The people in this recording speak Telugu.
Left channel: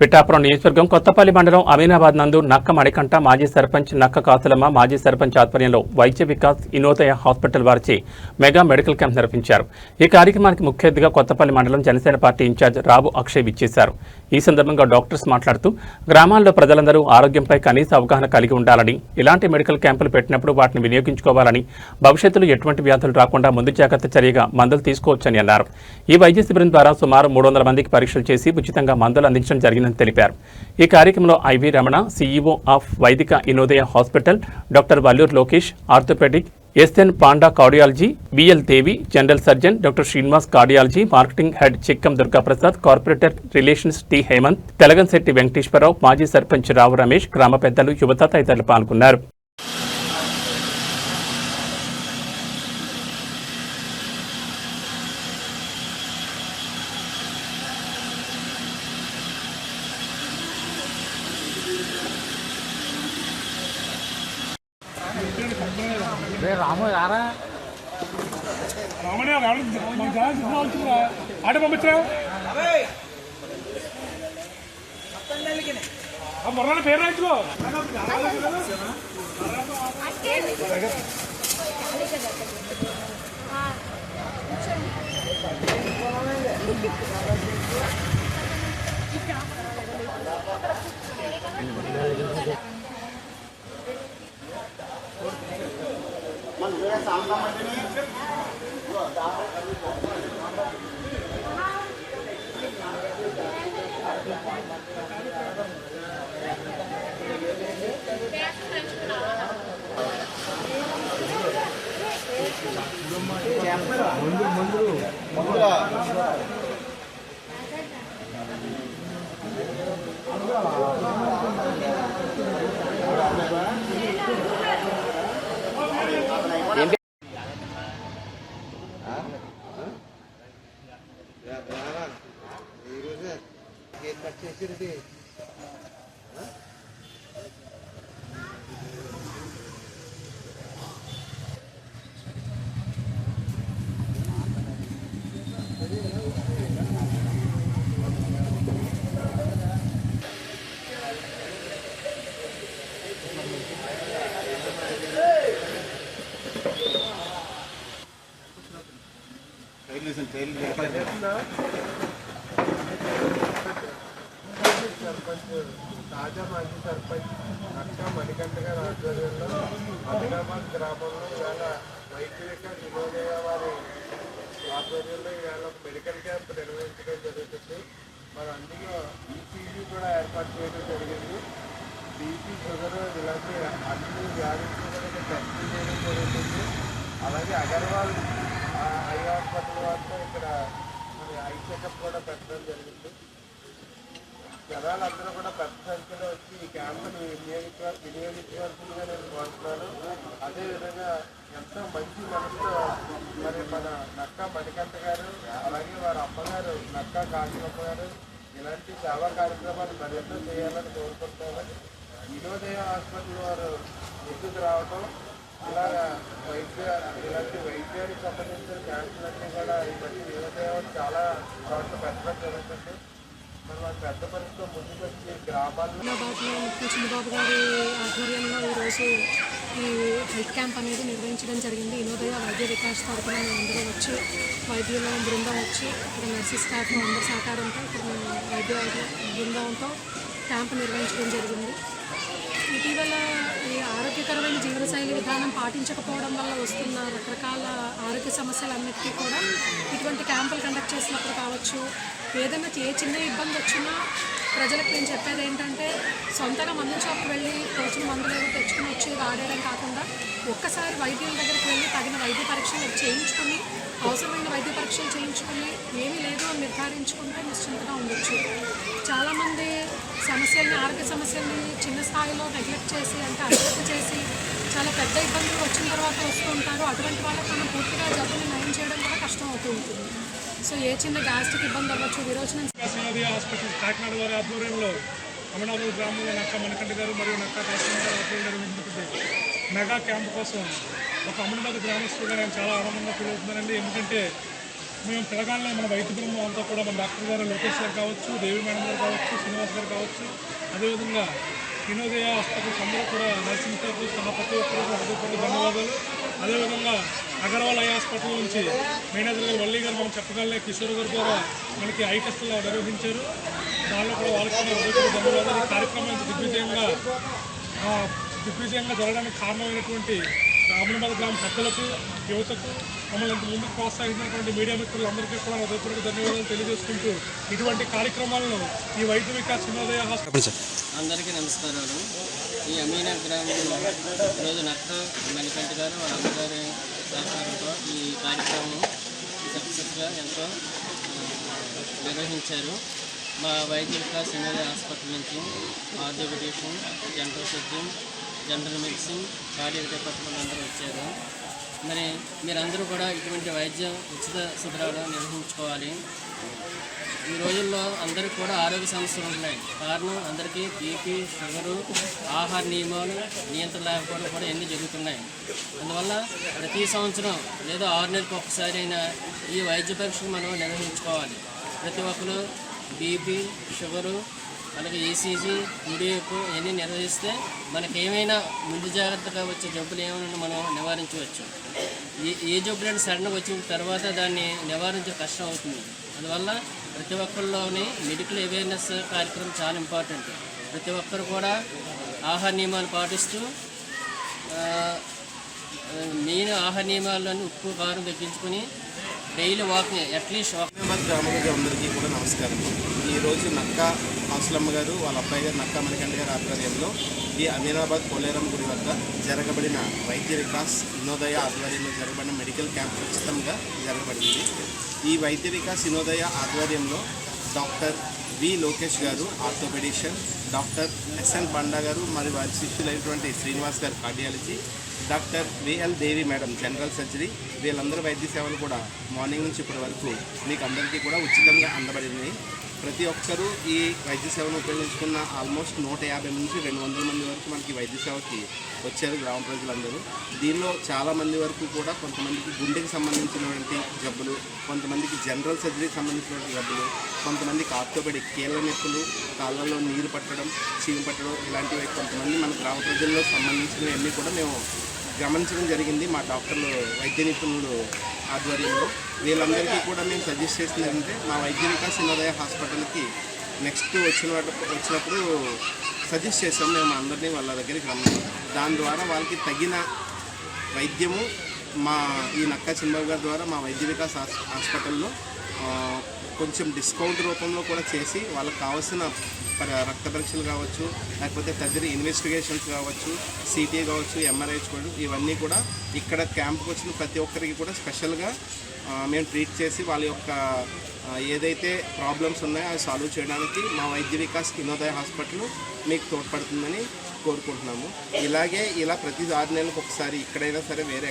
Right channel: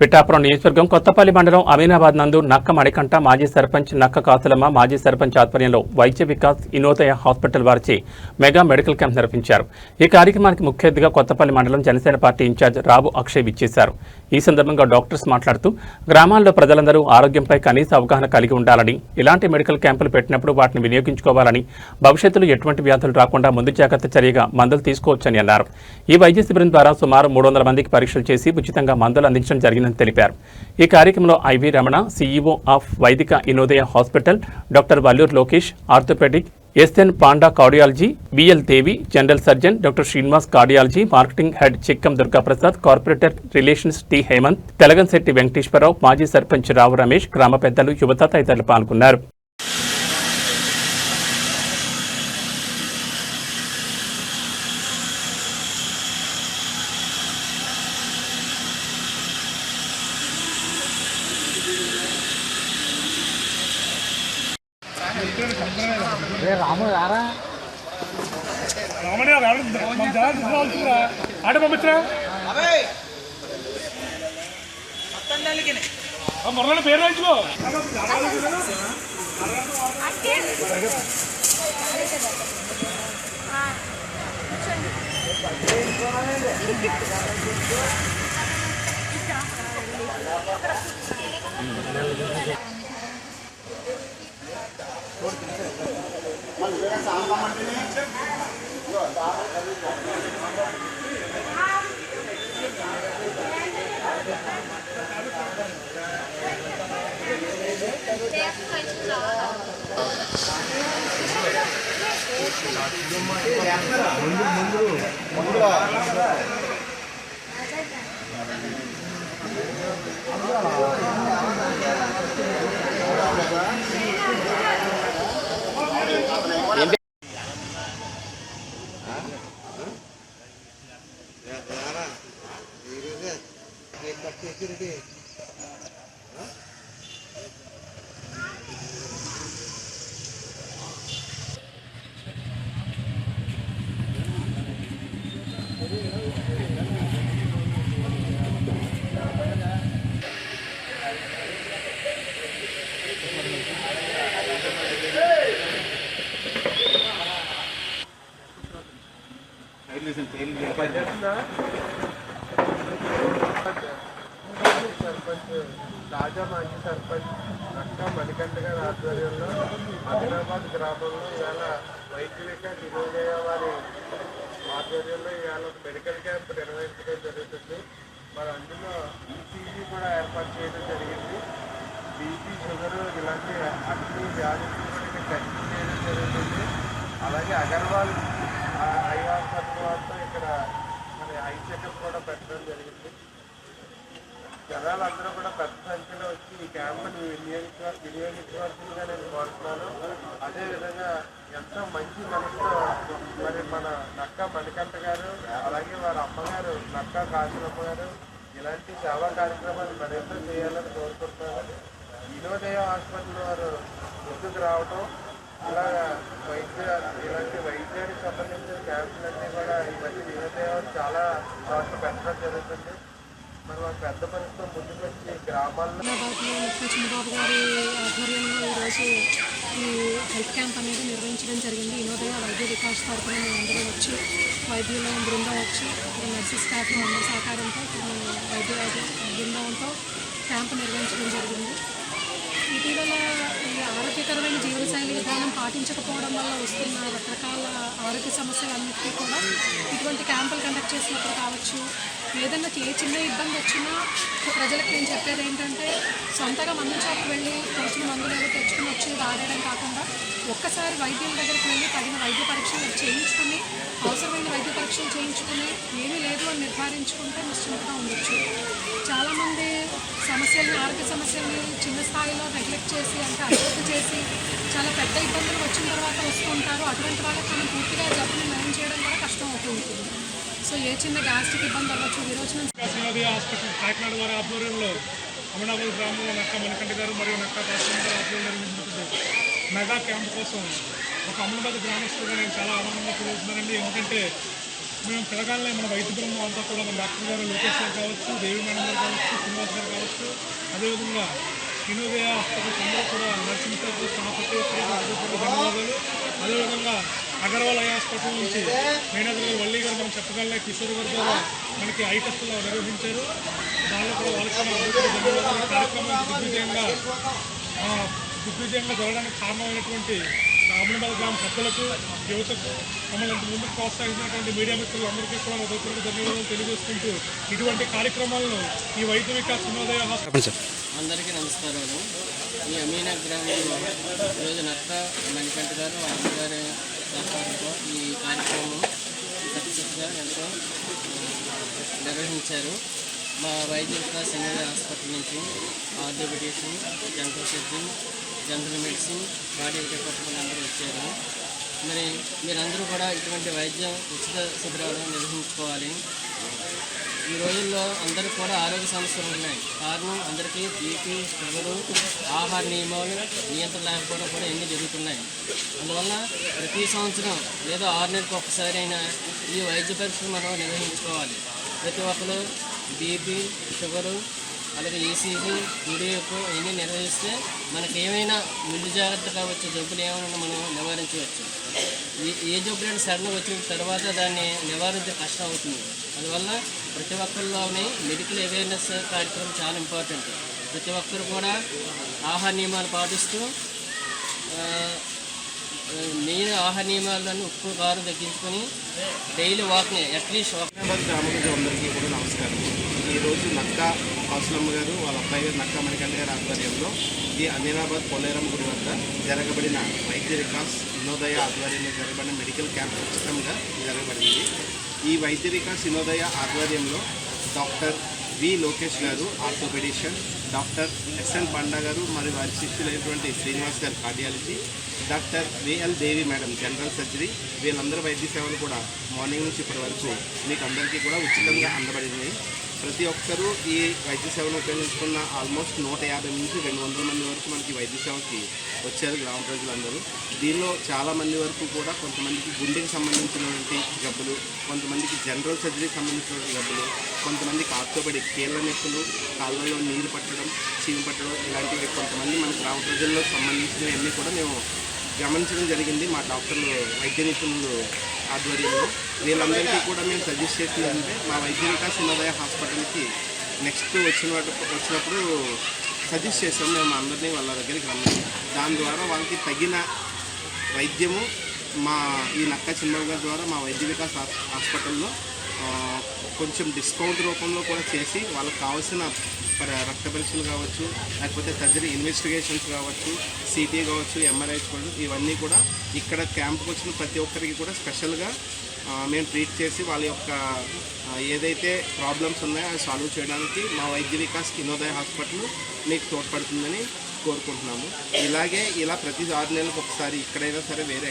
పిఠాపురం నియోజకవర్గం కొత్తపల్లి మండలం అమీనాబాద్ నందు నక్క మణికంఠ మాజీ సర్పంచ్ నక్క కాసులమ్మ మాజీ సర్పంచ్ ఆధ్వర్యంలో వైద్య వికాస్ ఇనోదయ హాస్పిటల్ వారిచే మెగా మెడికల్ క్యాంప్ నిర్వహించారు. ఈ కార్యక్రమానికి ముఖ్య అతిథిగా కొత్తపల్లి మండలం జనసేన పార్టీ ఇన్ఛార్జ్ రావు అక్షయ్ విచ్చేశారు. ఈ సందర్భంగా డాక్టర్స్ మాట్లాడుతూ గ్రామాల్లో ప్రజలందరూ ఆరోగ్యంపై కనీస అవగాహన కలిగి ఉండాలని, ఇలాంటి మెడికల్ క్యాంపులు పెట్టినప్పుడు వాటిని వినియోగించుకోవాలని, భవిష్యత్తులో ఎటువంటి వ్యాధులు రాకుండా ముందు జాగ్రత్త చర్యగా మందులు తీసుకోవచ్చని అన్నారు. ఈ వైద్య శిబిరం ద్వారా సుమారు 300 మందికి పరీక్షలు చేసి ఉచితంగా మందులు అందించడం జరిగిందని తెలిపారు. ఈ కార్యక్రమంలో IV Ramana, CEO of Vaidika Inodaya hospital, doctor Valluru Lokesh, orthopaedic, SN Panda cardiology, BL Devi general surgeon, doctor Srinivas cardiology, marketing head Chikkam Durgaprasad, corporate relations T Hemanth, Telagamsetti Venkateswararao, మాజీ సర్పంచ్ రావు రమేష్, గ్రామ పెద్దలు, యువత తదితరులు పాల్గొన్నారు. రాము యారా ఆట పంపించరా మొన్న పేరు రాయించుకో. సర్పంచ్ తాజా మాజీ సర్పంచ్ నక్క మణికంఠ గారి ఆధ్వర్యంలో అమీనాబాద్ గ్రామంలో ఇవాళ వైద్య వికాస్ ఇనోదయ వారి ఆధ్వర్యంలో ఇవాళ ఒక మెడికల్ క్యాంప్ నిర్వహించడం జరుగుతుంది. మరి అందులో ఈసీజీ కూడా ఏర్పాటు చేయడం జరిగింది. బీపీ, షుగర్ ఇలాంటి అన్ని వ్యాధులు కూడా ఇక్కడ టెస్ట్ చేయడం జరుగుతుంది. అలాగే అగర్వాల్ ఐ హాస్పిటల్ వారితో ఇక్కడ మరి ఐ చెకప్ కూడా పెట్టడం జరిగింది. జనాలందరూ కూడా పెద్ద సంఖ్యలో వచ్చి ఈ క్యాంపుని వినియోగించవలసిందిగా నేను కోరుతున్నాను. అదేవిధంగా ఎంతో మంచి మనసుతో మరి మన నక్క మణికంఠ గారు, అలాగే వారి అమ్మగారు నక్క కాసులమ్మ గారు ఇలాంటి సేవా కార్యక్రమాలు మరింత చేయాలని కోరుకుంటున్నాను. ఇనోదయ హాస్పిటల్ వారు ముందుకు రావటం, ఇలాంటి వైద్యానికి సంబంధించిన క్యాంపులన్నీ కూడా ఈ మధ్య ఇనోదయ చాలా చోట్ల పెట్టడం జరుగుతుంది. మరి వారి పెద్ద పనితో ముందుకు వచ్చి గ్రామాల్లో అమీనాబాద్లో చిన్నబాబు గారి ఆధ్వర్యంలో ఈరోజు ఈ హెల్త్ క్యాంప్ అనేది నిర్వహించడం జరిగింది. ఇనోదయ వైద్య వికాస్ తరఫున మేమందరూ వచ్చి వైద్యుల బృందం వచ్చి ఇక్కడ నర్సింగ్ స్టాఫ్ అందరి సహకారంతో ఇక్కడ మేము వైద్య బృందంతో క్యాంప్ నిర్వహించడం జరిగింది. ఇటీవల ఈ ఆరోగ్యకరమైన జీవనశైలి విధానం పాటించకపోవడం వల్ల వస్తున్న రకరకాల ఆరోగ్య సమస్యలన్నిటికీ కూడా ఇటువంటి క్యాంపులు కండక్ట్ చేసినప్పుడు కావచ్చు, ఏదైనా ఏ చిన్న ఇబ్బంది వచ్చినా ప్రజలకు నేను చెప్పేది ఏంటంటే సొంతగా మందుల షాప్కి వెళ్ళి తోచిన మందులు ఏవో తెచ్చుకుని వచ్చి వాడేయడం కాకుండా ఒక్కసారి వైద్యుల దగ్గరికి వెళ్ళి తగిన వైద్య పరీక్షలు చేయించుకుని, అవసరమైన వైద్య పరీక్షలు చేయించుకుని ఏమీ లేదు అని నిర్ధారించుకుంటే నిశ్చింతగా ఉండొచ్చు. చాలామంది ఆరోగ్య సమస్యల్ని చిన్న స్థాయిలో నెగ్లెక్ట్ చేసి, అంటే అశ్రద్ధ చేసి చాలా పెద్ద ఇబ్బందులు వచ్చిన తర్వాత వస్తూ ఉంటారు. అటువంటి వాళ్ళకి మనం పూర్తిగా జబ్బుని నయం చేయడం కూడా కష్టం అవుతూ ఉంటుంది. సో ఏ చిన్న గ్యాస్ట్రిక్ ఇబ్బంది అవ్వచ్చు, విరోచనం. హాస్పిటల్ కాకినాడ వారి ఆధ్వర్యంలో అమీనాబాద్ గ్రామంలో నక్క మణికంఠ గారు మరియు నక్క కాసులమ్మ గారు ఆధ్వర్యంలో నిర్వహించినటువంటి మెగా క్యాంప్ కోసం ఒక అమీనాబాద్ గ్రామస్తులుగా నేను చాలా ఆనందంగా ఫీల్ అవుతున్నానండి. ఎందుకంటే మేము పిలగానే మన వైద్య బృందం అంతా కూడా మన డాక్టర్ గారు లోకేష్ గారు కావచ్చు, దేవి మేడం గారు కావచ్చు, శ్రీనివాస్ గారు కావచ్చు, అదేవిధంగా వినోదయ హాస్పిటల్స్ అందరూ కూడా నర్సింగ్తో సహా ప్రతి ఒక్కరికి హృదయపూర్వక ధన్యవాదాలు. అదేవిధంగా అగర్వాల్ ఐ హాస్పిటల్ నుంచి మేనేజర్ గారు వల్లి గారు మనం చెప్పగలనే కిషోర్ గారి ద్వారా మనకి ఐ టెస్టులు నిర్వహించారు. దానిలో కూడా వాళ్ళకి హృదయపూర్వక ధన్యవాదాలు. ఈ కార్యక్రమానికి దిగ్విజయంగా జరగడానికి కారణమైనటువంటి అమీనాబాద్ గ్రామ పెద్దలకు, యువతకు, మమ్మల్ని ఇంత ముందుకు ప్రోత్సహించినటువంటి మీడియా మిత్రులందరికీ కూడా హృదయపూర్వక ధన్యవాదాలు తెలియజేసుకుంటూ ఇటువంటి కార్యక్రమాలను ఈ వైద్య వికాస్ వినోదయ హాస్పిటల్ అందరికీ నమస్కారాలు. ఈ అమీనా గ్రామంలో ఈరోజు నక్క మణికంఠ గారు వాళ్ళ అమ్మగారి సహకారంతో ఈ కార్యక్రమం సక్సెస్గా ఎంతో నిర్వహించారు. మా వైద్య వికాస్ వినోదయ హాస్పిటల్ నుంచి orthopaedician, general surgeon, general medicine, cardiac department అందరూ వచ్చారు. మరి మీరందరూ కూడా ఇటువంటి వైద్య ఉచిత శిబిరాలు నిర్వహించుకోవాలి. ఈ రోజుల్లో అందరికీ కూడా ఆరోగ్య సమస్యలు ఉన్నాయి. కారణం అందరికీ బీపీ, షుగరు, ఆహార నియమాలు నియంత్రణ లేకపోవడం కూడా ఎన్ని జరుగుతున్నాయి. అందువల్ల ప్రతి సంవత్సరం లేదా 6 నెలలకు ఒక్కసారి అయినా ఈ వైద్య పరీక్షలు మనం నిర్వహించుకోవాలి. ప్రతి ఒక్కరు బీపీ, షుగరు, అలాగే ఈసీజీ, యూడిఎఫ్ ఇవన్నీ నిర్వహిస్తే మనకి ఏమైనా ముందు జాగ్రత్తగా వచ్చే జబ్బులు ఏమైనా మనం నివారించవచ్చు. ఏ జబ్బులైనా సడన్గా వచ్చిన తర్వాత దాన్ని నివారించడం కష్టం అవుతుంది. అందువల్ల ప్రతి ఒక్కరిలోని మెడికల్ అవేర్నెస్ కార్యక్రమం చాలా ఇంపార్టెంట్. ప్రతి ఒక్కరు కూడా ఆహార నియమాలు పాటిస్తూ మెయిన్ ఆహార నియమాలను ఉప్పు, కారం తగ్గించుకొని డైలీ వాకింగ్ అట్లీస్ట్ అమీనాబాద్ గ్రామ ప్రజలందరికీ కూడా నమస్కారం. ఈరోజు నక్క హాస్లమ్మ గారు వాళ్ళ అబ్బాయి గారు నక్క మణికంఠ గారి ఆధ్వర్యంలో ఈ అమీనాబాద్ పొల్లేరం గుడి వద్ద జరగబడిన వైద్య వికాస్ వినోదయ ఆధ్వర్యంలో జరగబడిన మెడికల్ క్యాంప్ ఉచితంగా జరగబడింది. ఈ వైద్య వికాస్ వినోదయ ఆధ్వర్యంలో డాక్టర్ వి లోకేష్ గారు ఆర్థోపెడిషన్, డాక్టర్ ఎస్ఎన్ పండా గారు మరియు వారి శిష్యులైనటువంటి శ్రీనివాస్ గారు కార్డియాలజీ, డాక్టర్ విఎల్ దేవి మేడం జనరల్ సర్జరీ, వీళ్ళందరూ వైద్య సేవలు కూడా మార్నింగ్ నుంచి ఇప్పటి వరకు మీకు అందరికీ కూడా ఉచితంగా అందబడింది. ప్రతి ఒక్కరూ ఈ వైద్య సేవను ఉపయోగించుకున్న ఆల్మోస్ట్ 150 నుంచి 200 మంది వరకు మనకి వైద్య సేవకి వచ్చారు గ్రామ ప్రజలందరూ. దీనిలో చాలామంది వరకు కూడా కొంతమందికి గుండెకి సంబంధించినటువంటి జబ్బులు, కొంతమందికి జనరల్ సర్జరీకి సంబంధించినటువంటి జబ్బులు, కొంతమందికి ఆర్థోపెడిక్ కీళ్ళ నొప్పులు, కాళ్ళల్లో నీరు పట్టడం, చీము పట్టడం, ఇలాంటివి కొంతమంది మన గ్రామ ప్రజల్లో సంబంధించినవన్నీ కూడా మేము గమనించడం జరిగింది మా డాక్టర్లు, వైద్య నిపుణులు ఆధ్వర్యంలో. వీళ్ళందరికీ కూడా మేము సజెస్ట్ చేసింది ఏంటంటే మా వైద్య వికాస్ వినోదయ హాస్పిటల్కి నెక్స్ట్ వచ్చినప్పుడు సజెస్ట్ చేసాము మేము అందరినీ వాళ్ళ దగ్గరికి రమ్మని. దాని ద్వారా వాళ్ళకి తగిన వైద్యము మా ఈ నక్క చిన్నబాబు గారి ద్వారా మా వైద్య వికాస్ హాస్పిటల్లో కొంచెం డిస్కౌంట్ రూపంలో కూడా చేసి వాళ్ళకి కావాల్సిన రక్త పరీక్షలు కావచ్చు, లేకపోతే సర్జరీ ఇన్వెస్టిగేషన్స్ కావచ్చు, సిటీ కావచ్చు, ఎంఆర్ఐ కావచ్చు, ఇవన్నీ కూడా ఇక్కడ క్యాంప్కి వచ్చిన ప్రతి ఒక్కరికి కూడా స్పెషల్గా మేము ట్రీట్ చేసి వాళ్ళ యొక్క ఏదైతే ప్రాబ్లమ్స్ ఉన్నాయో అవి సాల్వ్ చేయడానికి మా వైద్య వికాస్ వినోదయ హాస్పిటల్ మీకు తోడ్పడుతుందని కోరుకుంటున్నాము. ఇలా ప్రతి 6 నెలలకు ఒకసారి ఇక్కడైనా సరే వేరే